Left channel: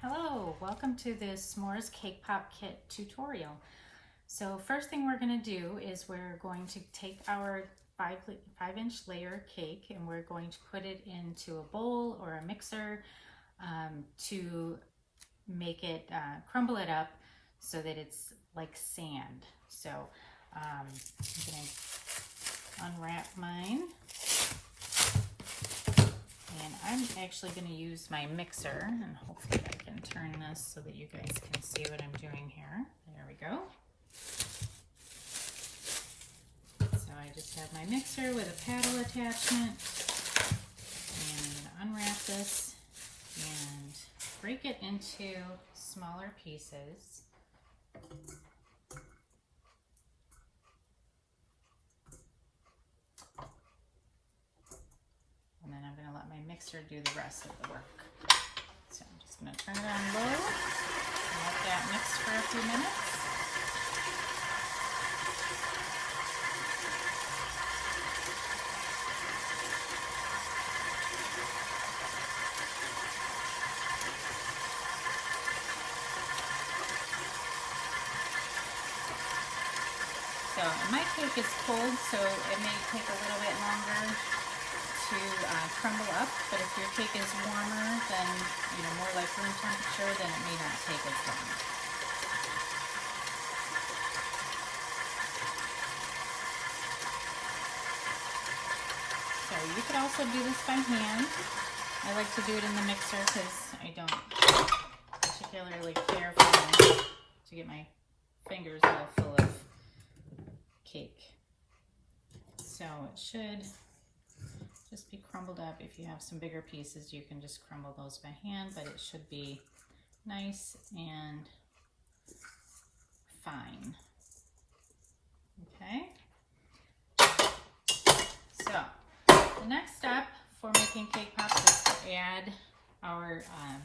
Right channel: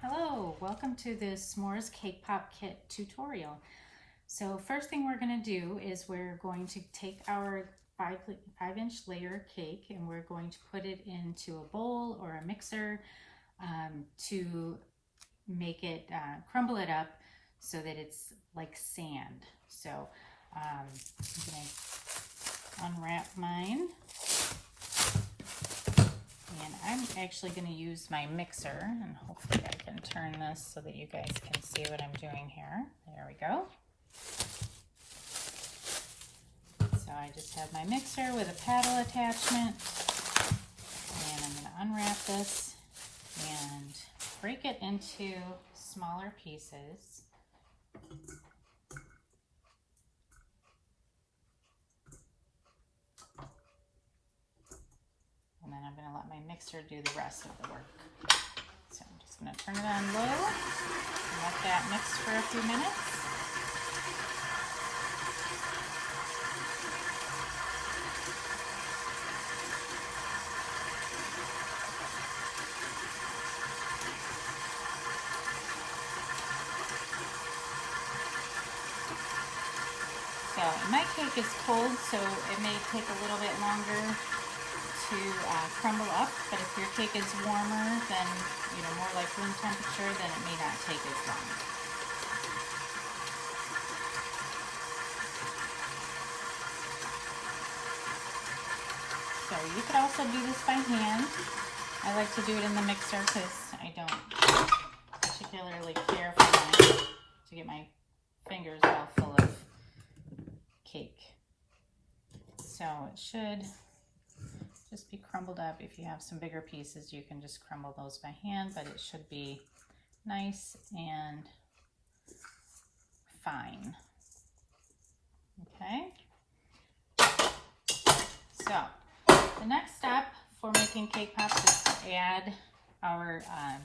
Hello, welcome to this s'mores cake pop kit tutorial. So first thing we're going to do is we're going to take our 5-inch layer cake and we're going to put it into a bowl or a mixer to make it, crumble it up so that it's like sand. So I'm going to unwrap mine. And I'm actually going to use my mixer, and hopefully I can turn this so that you guys can see what I'm doing here. There we go. So I just have my mixer with a paddle attachment, and I'm going to unwrap this and break it into smaller pieces. And then I'm going to let my mixer do the rest of the work. So I'm just going to turn it on low and let that mix for a few minutes. So my cake is cold, so it may take a little bit longer to crumble up, but if your cake is warmer than, more like room temperature, then it may not take as long. So you could also do this by hand. I like to do it in the mixer because I don't particularly care to get my fingers all full of cake. So it should just be crumbled up. If you have some bigger pieces, you can just crumble those by hand, but it should be nice and fine. Okay. So the next step for making cake pops is to add our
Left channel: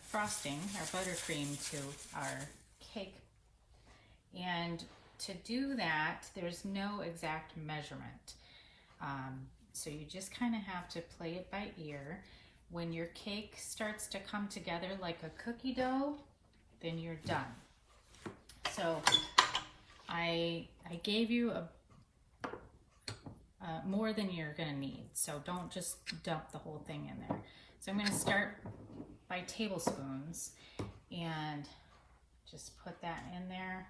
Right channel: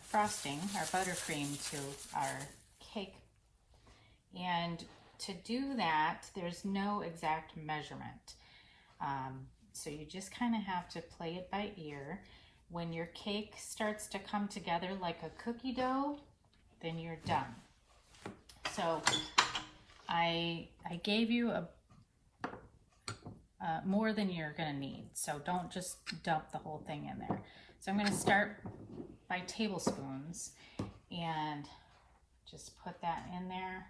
frosting, our buttercream, to our cake. And to do that, there's no exact measurement. So you just kind of have to play it by ear. When your cake starts to come together like a cookie dough, then you're done. So I gave you more than you're gonna need. So don't just dump the whole thing in there. So I'm gonna start by tablespoons and just put that in there.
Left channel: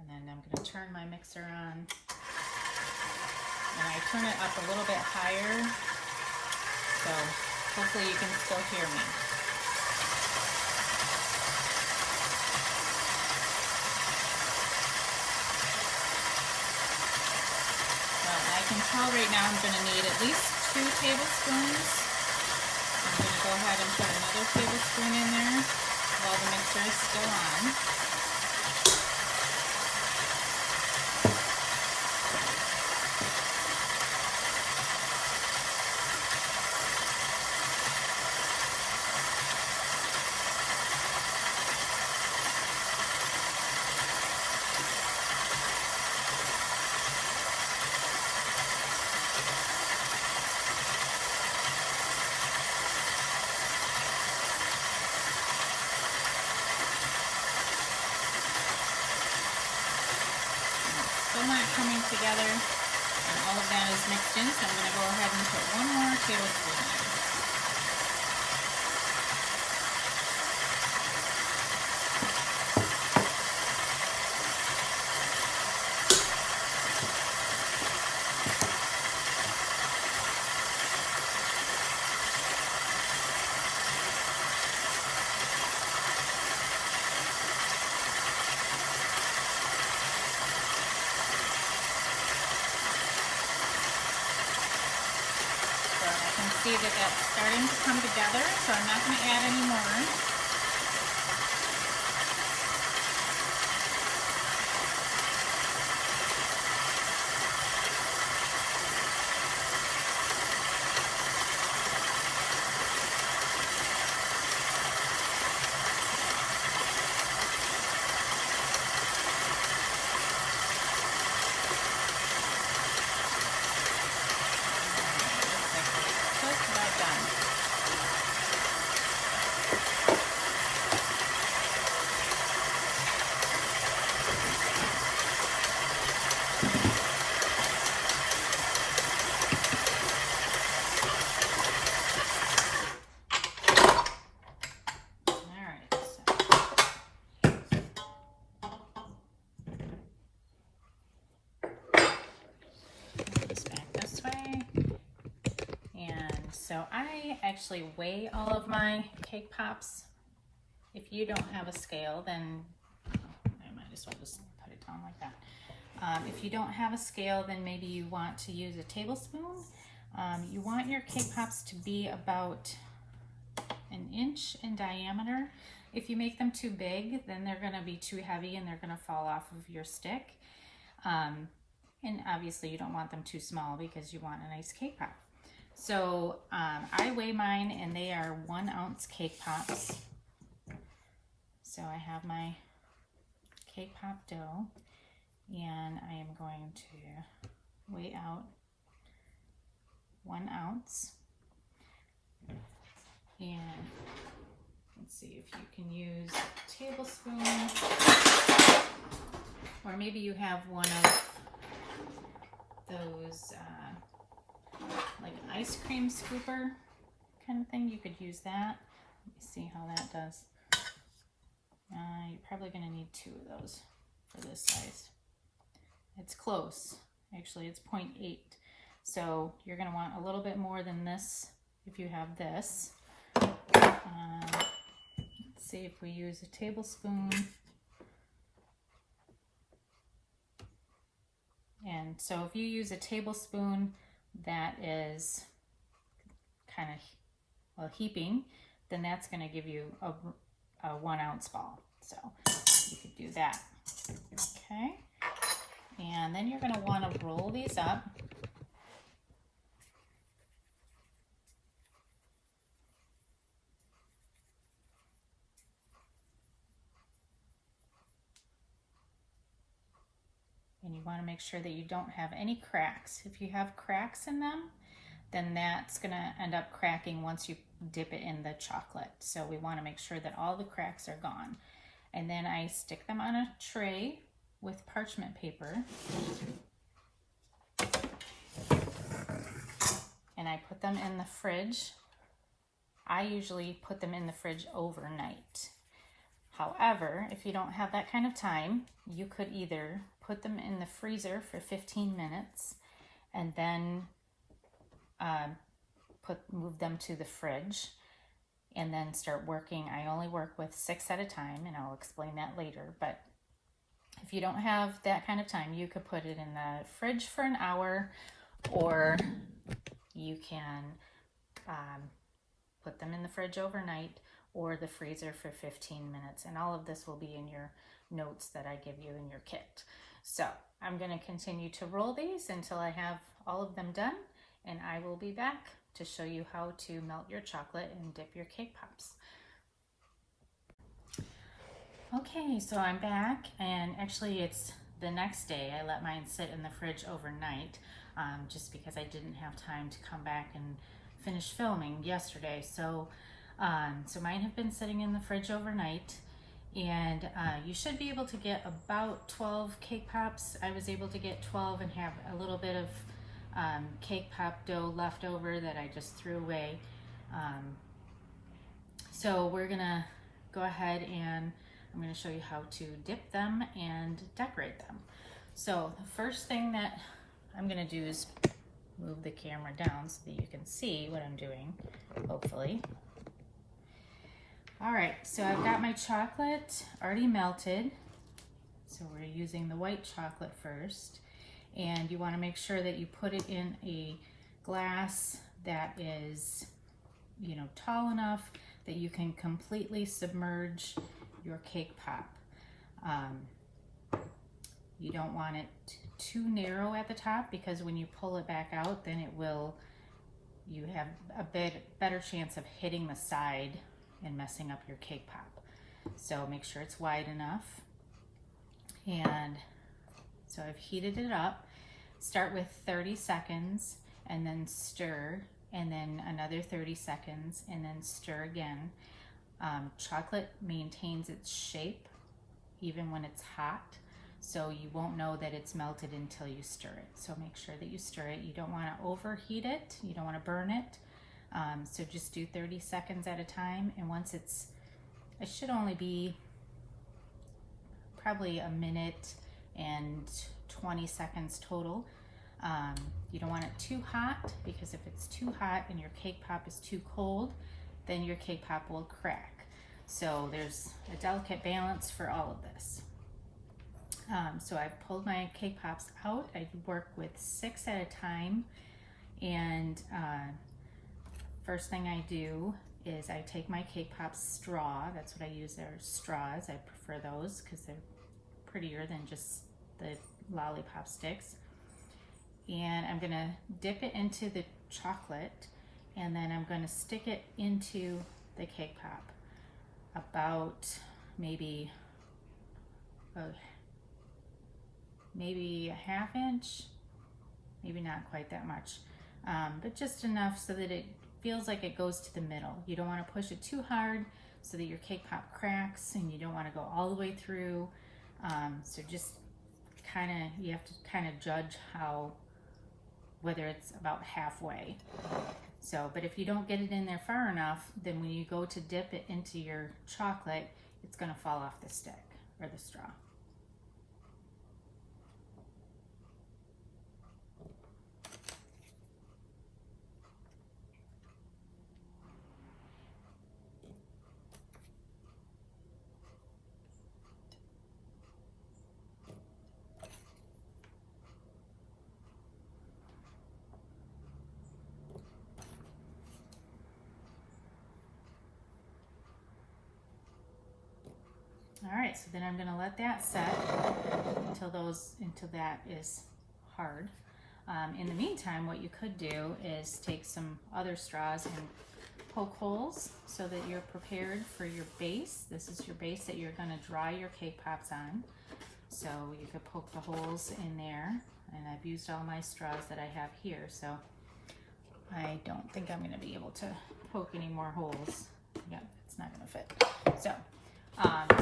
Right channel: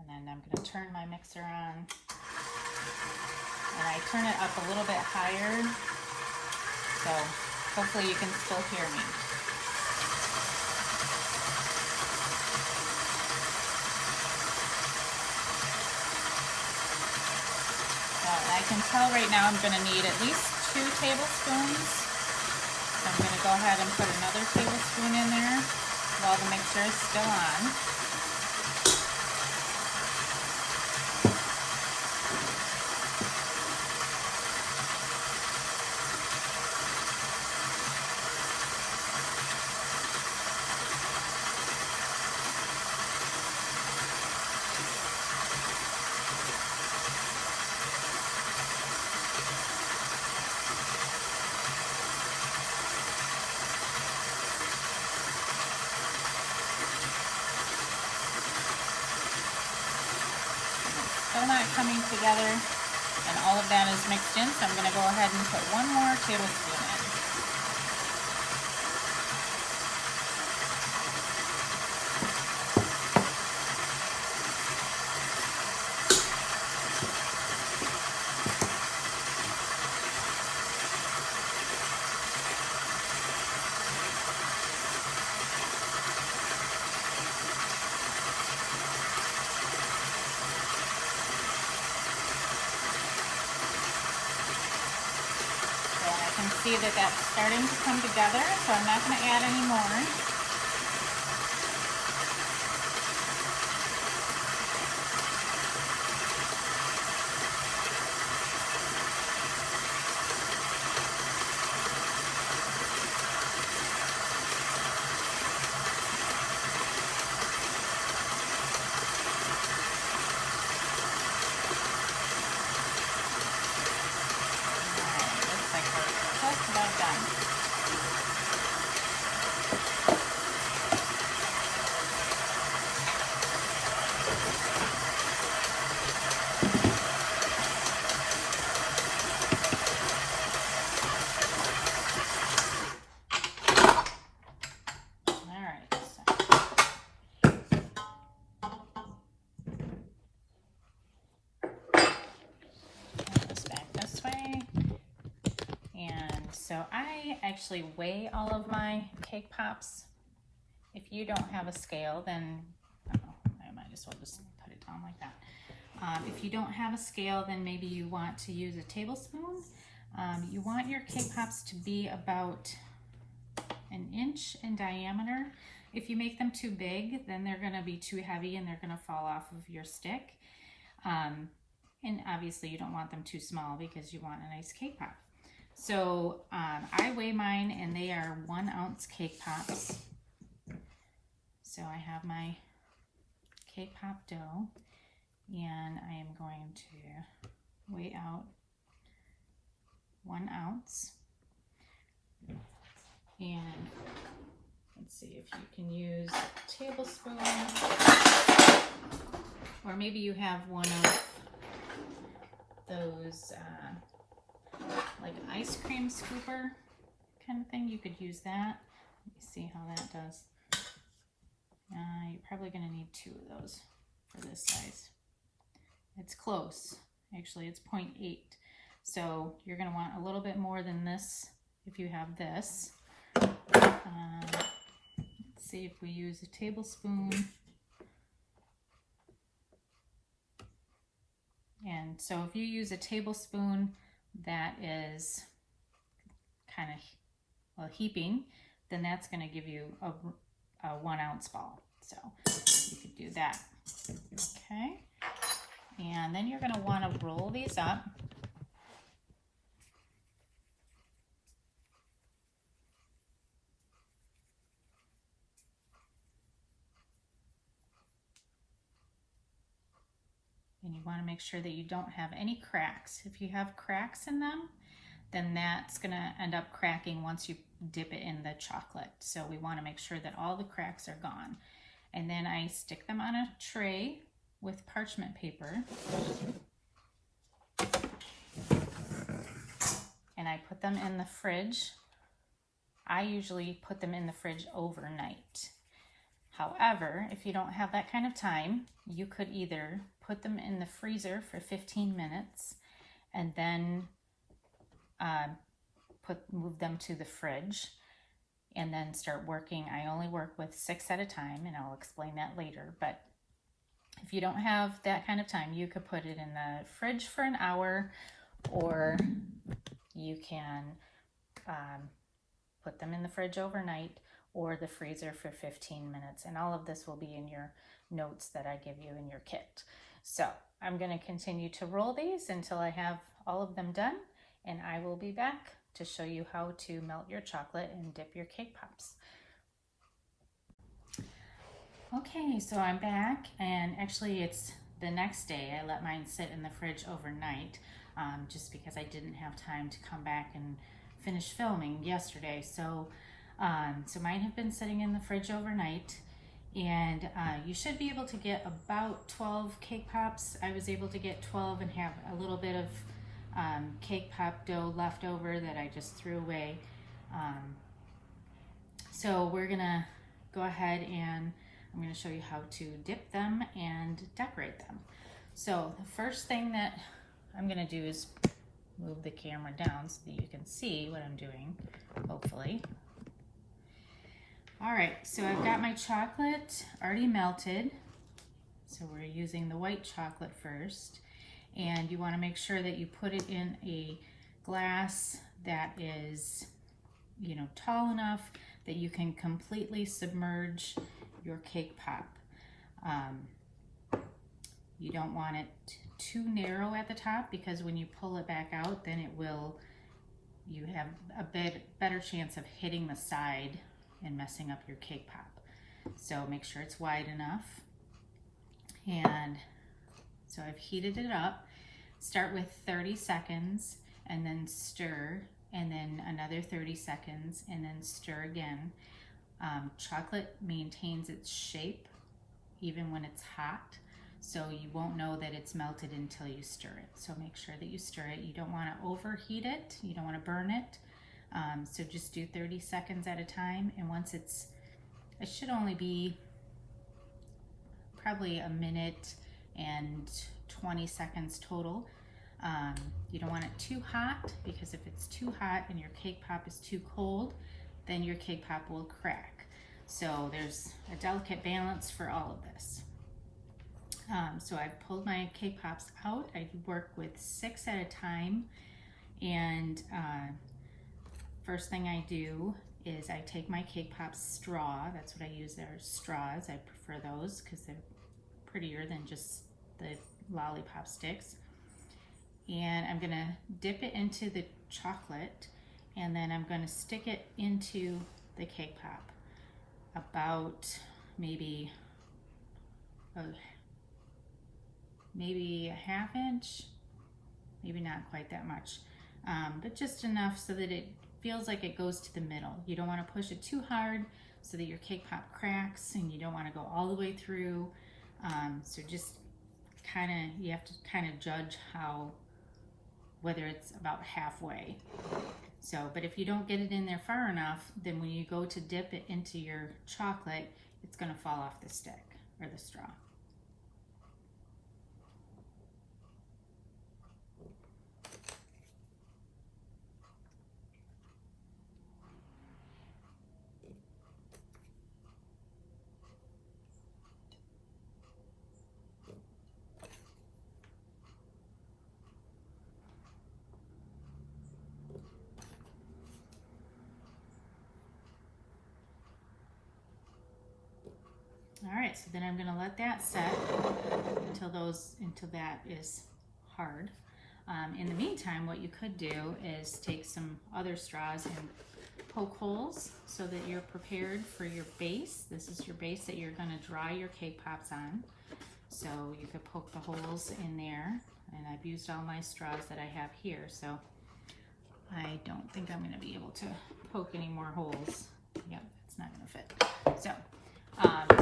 And then I'm gonna turn my mixer on. And I turn it up a little bit higher, so hopefully you can still hear me. So I can tell right now I'm going to need at least 2 tablespoons. So I'm going to go ahead and put another tablespoon in there while the mixer is still on. Still not coming together, and all of that is mixed in, so I'm going to go ahead and put one more tablespoon in. See that that's starting to come together, so I'm not going to add any more. so I actually weigh all of my cake pops. If you don't have a scale, then I might as well just put it down like that. If you don't have a scale, then maybe you want to use a tablespoon. You want your cake pops to be about an inch in diameter. If you make them too big, then they're going to be too heavy and they're going to fall off of your stick. And obviously you don't want them too small because you want a nice cake pop. So I weigh mine, and they are 1 ounce cake pops. So I have my cake pop dough, and I am going to weigh out 1 ounce. And let's see if you can use a tablespoon, or maybe you have one of those like ice cream scooper kind of thing. You could use that. Let me see how that does. You're probably going to need 2 of those for this size. It's close. Actually, it's 0.8. So you're going to want a little bit more than this if you have this. Let's see if we use a tablespoon. And so if you use a tablespoon that is kind of heaping, then that's going to give you a 1 ounce ball. So you could do that. Okay. And then you're going to want to roll these up. And you want to make sure that you don't have any cracks. If you have cracks in them, then that's going to end up cracking once you dip it in the chocolate. So we want to make sure that all the cracks are gone. And then I stick them on a tray with parchment paper. And I put them in the fridge. I usually put them in the fridge overnight. However, if you don't have that kind of time, you could either put them in the freezer for 15 minutes and then move them to the fridge and then start working. I only work with 6 at a time, and I'll explain that later. But if you don't have that kind of time, you could put it in the fridge for an hour, or you can put them in the fridge overnight or the freezer for 15 minutes. And all of this will be in your notes that I give you in your kit. So I'm going to continue to roll these until I have all of them done, and I will be back to show you how to melt your chocolate and dip your cake pops. Okay, so I'm back, and actually it's the next day. I let mine sit in the fridge overnight just because I didn't have time to come back and finish filming yesterday. So mine have been sitting in the fridge overnight, and you should be able to get about 12 cake pops. I was able to get 12 and have a little bit of cake pop dough left over that I just threw away. So we're gonna go ahead and I'm gonna show you how to dip them and decorate them. So the first thing that I'm gonna do is move the camera down so that you can see what I'm doing, hopefully. All right, so I've got my chocolate already melted. So we're using the white chocolate first. And you want to make sure that you put it in a glass that is, tall enough that you can completely submerge your cake pop. You don't want it too narrow at the top, because when you pull it back out, then you have a bit better chance of hitting the side and messing up your cake pop. So make sure it's wide enough. And so I've heated it up. Start with 30 seconds and then stir, and then another 30 seconds and then stir again. Chocolate maintains its shape even when it's hot, so you won't know that it's melted until you stir it. So make sure that you stir it. You don't want to overheat it. You don't want to burn it. So just do 30 seconds at a time, and once it should only be probably a minute and 20 seconds total. You don't want it too hot, because if it's too hot and your cake pop is too cold, then your cake pop will crack. So there's a delicate balance for all of this. So I've pulled my cake pops out. I work with 6 at a time, and first thing I do is I take my cake pop straw. That's what I use there, straws. I prefer those because they're prettier than just the lollipop sticks. And I'm gonna dip it into the chocolate, and then I'm gonna stick it into the cake pop about maybe a half inch, maybe not quite that much, but just enough so that it feels like it goes to the middle. You don't want to push it too hard so that your cake pop cracks, and you don't want to go all the way through. So just you have to kind of judge whether it's about halfway. So, but if you don't get it in there far enough, then when you go to dip it into your chocolate, it's going to fall off the stick or the straw. All right, so then I'm going to let that set until that is hard. In the meantime, what you could do is take some other straws and poke holes so that you're prepared for your base. This is your base that you're going to dry your cake pops on. So you could poke the holes in there, and I've used all my straws that I have here, so I don't think I'm going to be able to poke any more holes. Yep, it's not going to fit.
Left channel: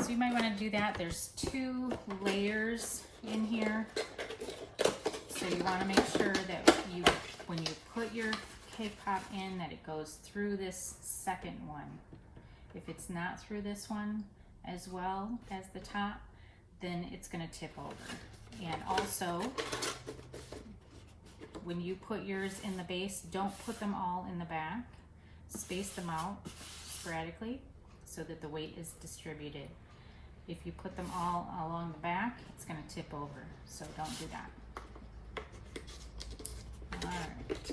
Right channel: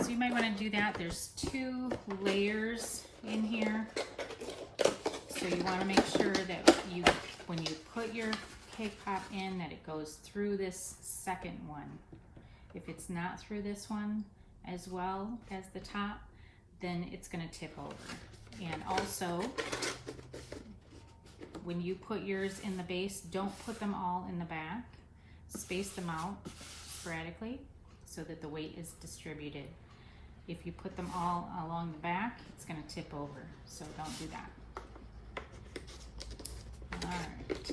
So you might want to do that. There's 2 layers in here. So you want to make sure that when you put your cake pop in, that it goes through this second one. If it's not through this one as well as the top, then it's going to tip over. And also, when you put yours in the base, don't put them all in the back. Space them out sporadically so that the weight is distributed. If you put them all along the back, it's going to tip over, so don't do that. All right.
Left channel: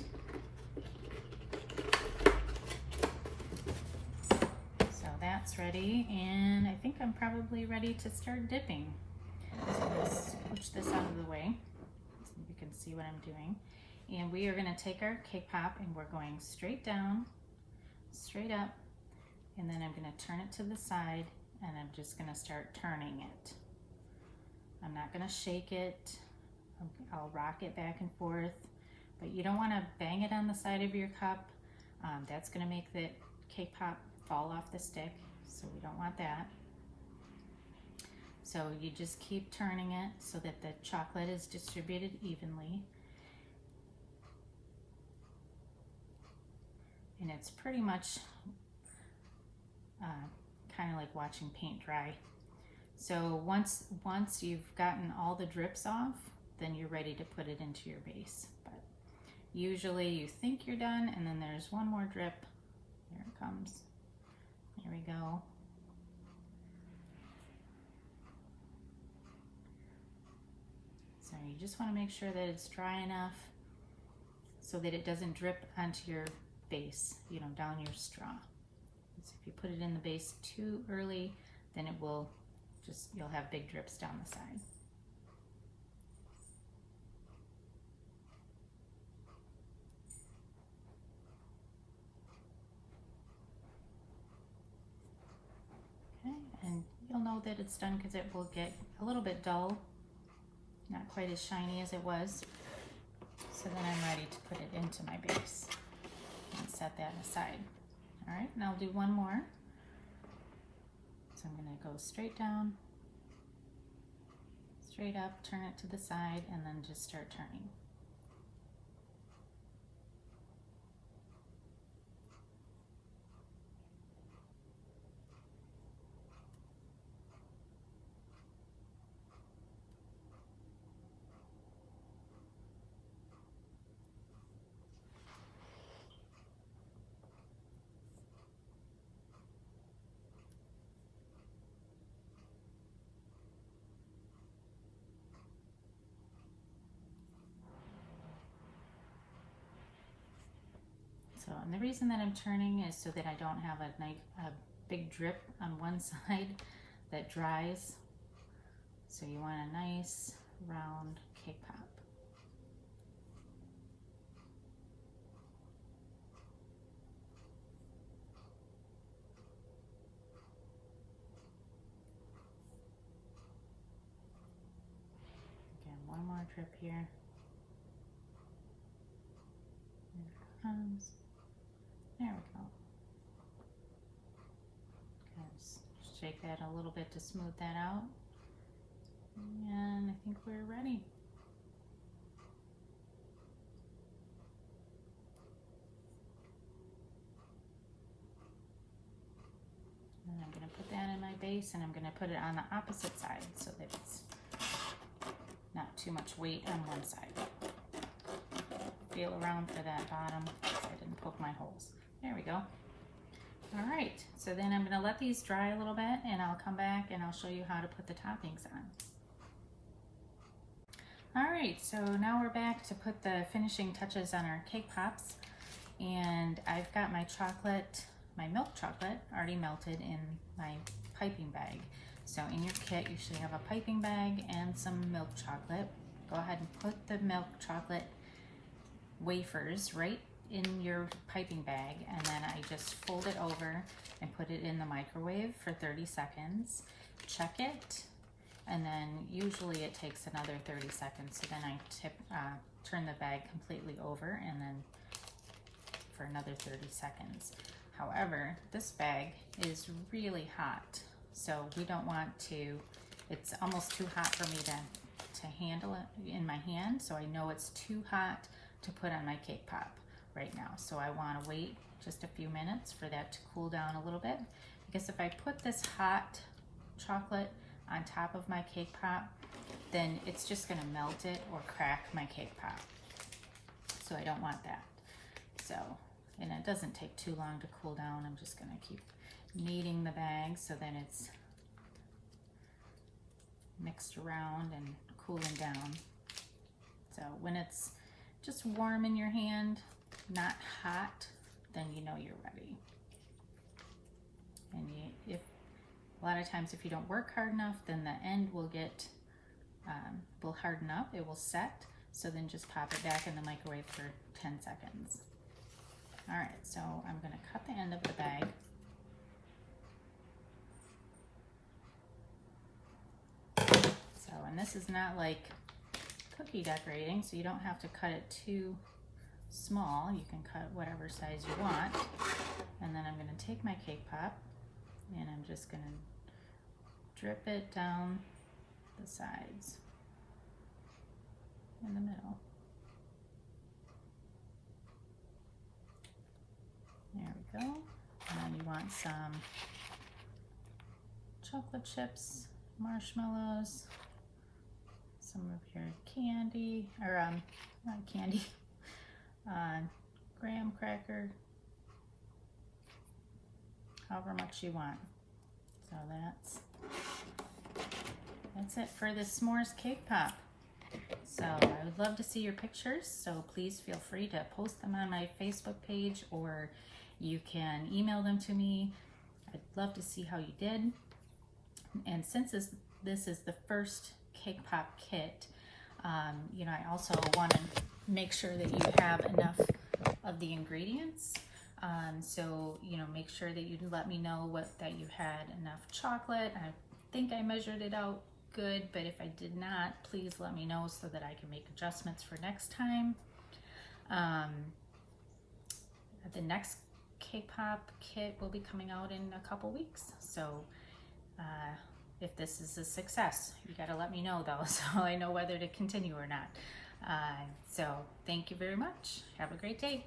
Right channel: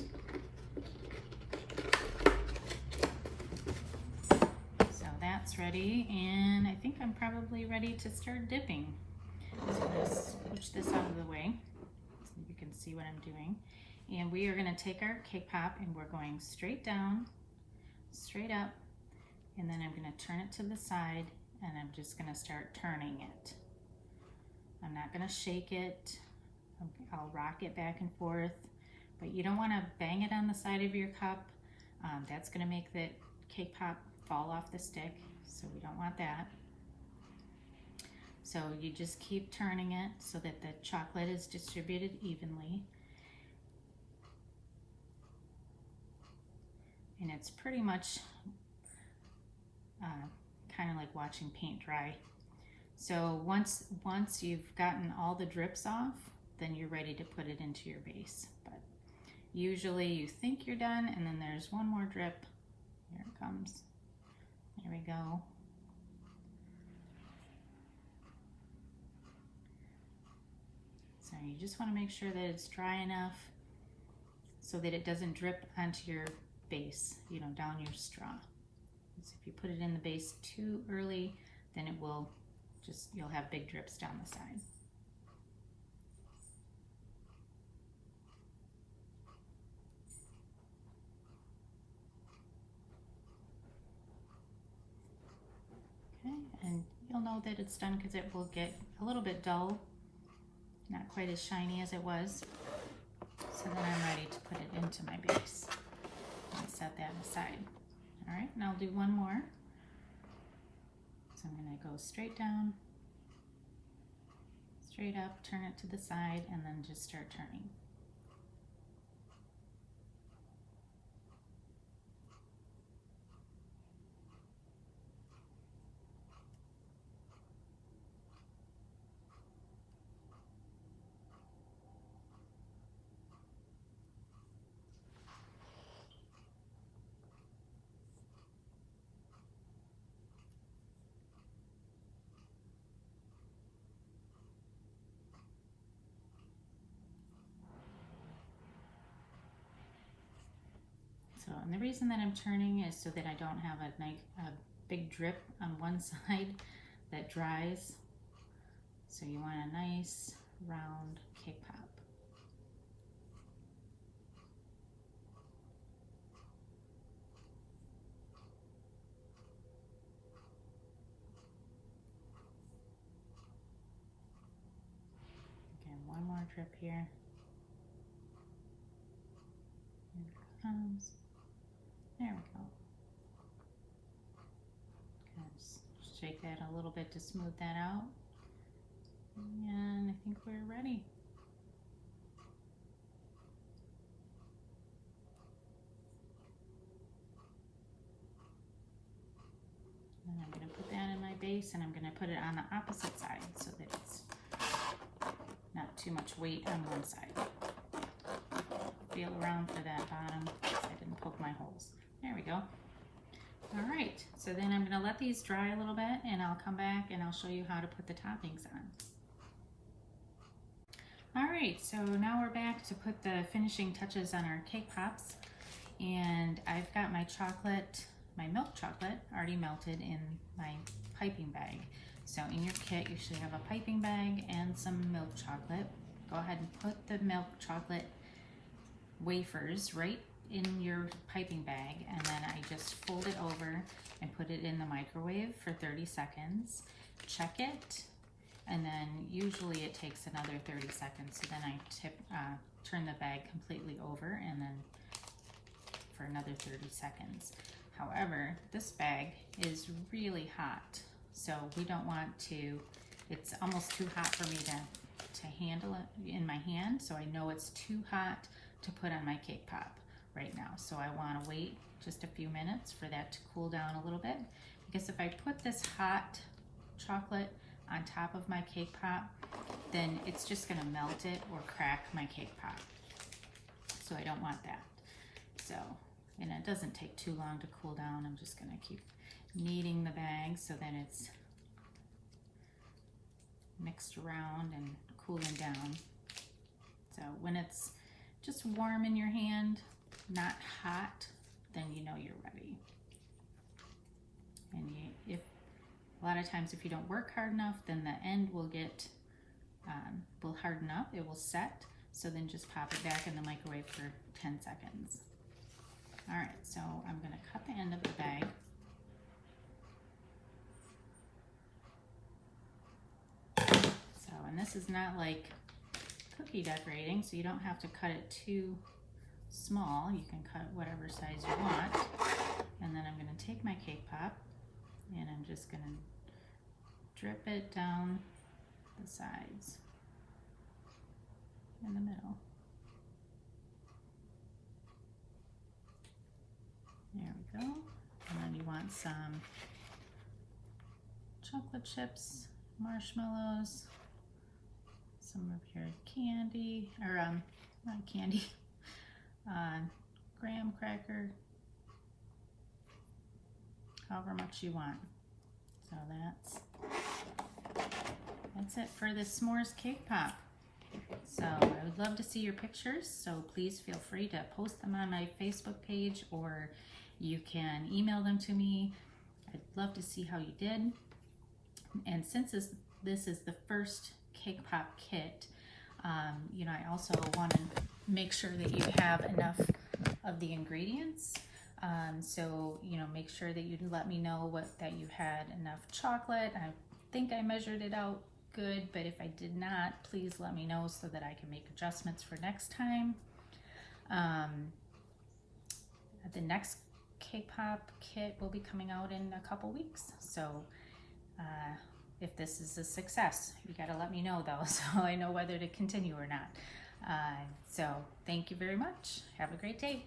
So that's ready, and I think I'm probably ready to start dipping. So let's push this out of the way so you can see what I'm doing. And we are going to take our cake pop, and we're going straight down, straight up, and then I'm going to turn it to the side, and I'm just going to start turning it. I'm not going to shake it. I'll rock it back and forth, but you don't want to bang it on the side of your cup. That's going to make the cake pop fall off the stick, so we don't want that. So you just keep turning it so that the chocolate is distributed evenly. And it's pretty much kind of like watching paint dry. So once you've gotten all the drips off, then you're ready to put it into your base. But usually you think you're done, and then there's one more drip. Here it comes. There we go. So you just want to make sure that it's dry enough so that it doesn't drip onto your base, down your straw. So if you put it in the base too early, then you'll have big drips down the side. Okay, and you'll know that it's done because it will get a little bit dull, not quite as shiny as it was. So then I'm ready to put it into my base and set that aside. All right, and I'll do one more. So I'm going to go straight down, straight up, turn it to the side, and then just start turning. and the reason that I'm turning is so that I don't have a big drip on one side that dries. So you want a nice round cake pop. Again, one more drip here. Here it comes. There we go. Shake that a little bit to smooth that out. And I think we're ready. And I'm going to put that in my base, and I'm going to put it on the opposite side so that it's not too much weight on one side. Feel around for that bottom so I didn't poke my holes. There we go. All right, so then I'm going to let these dry a little bit, and I'll come back and I'll show you how to put the toppings on. All right, so now we're back to put the finishing touches on our cake pops, and I've got my chocolate, my milk chocolate already melted in my piping bag. So in your kit, you should have a piping bag and some milk chocolate. Go ahead and put the milk chocolate wafers right in your piping bag, and then I just fold it over and put it in the microwave for 30 seconds. Check it, and then usually it takes another 30 seconds. So then I turn the bag completely over, and then for another 30 seconds. However, this bag is really hot, so we don't want to, it's almost too hot for me to handle it in my hand, so I know it's too hot to put on my cake pop right now. So I want to wait just a few minutes for that to cool down a little bit, because if I put this hot chocolate on top of my cake pop, then it's just going to melt it or crack my cake pop. So I don't want that. So, and it doesn't take too long to cool down. I'm just going to keep kneading the bag so that it's mixed around and cooling down. So when it's just warm in your hand, not hot, then you know you're ready. And if a lot of times if you don't work hard enough, then the end will get will harden up, it will set. So then just pop it back in the microwave for 10 seconds. All right, so I'm going to cut the end of the bag. So, and this is not like cookie decorating, so you don't have to cut it too small. You can cut whatever size you want. And then I'm going to take my cake pop, and I'm just going to drip it down the sides in the middle. There we go. And then you want some chocolate chips, marshmallows, some of your candy, or not candy, graham cracker, however much you want. So that's it for this s'mores cake pop. So I would love to see your pictures, so please feel free to post them on my Facebook page, or you can email them to me. I'd love to see how you did. And since this is the first cake pop kit, you know, I also want to make sure that you have enough of the ingredients. So, you know, make sure that you let me know that you had enough chocolate. I think I measured it out good, but if I did not, please let me know so that I can make adjustments for next time. The next cake pop kit will be coming out in a couple weeks. So if this is a success, you got to let me know though, so I know whether to continue or not. So thank you very much. Have a great day.